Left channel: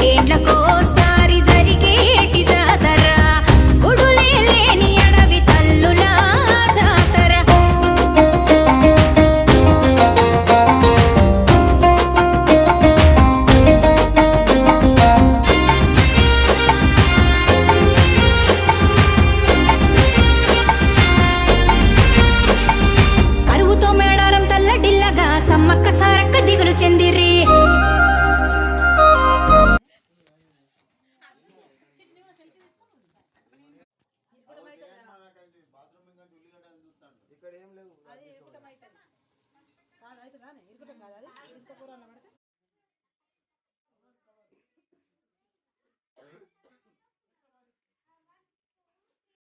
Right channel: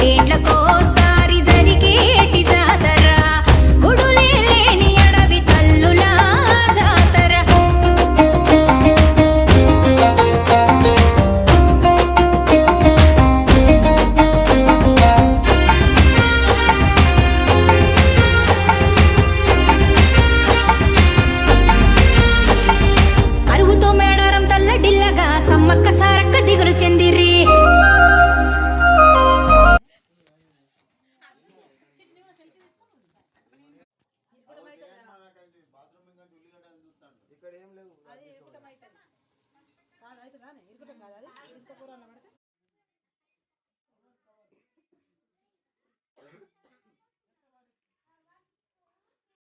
రెండేండ్లకోసారి జరిగేటి జాతర గుడులే లేని అడవి తల్లులా జాతర కరువుతో మేడారం తల్లడిల్లగా సమ్మక్క సారక్క దిగులు చెందిర్రి ఇక్కడ ఏం లేవు అది ఇరుకుటం అవుతుంది కాదు అవుతుందా ఇరుకుటం కాదు అది ఇంత కూర అన్నమాట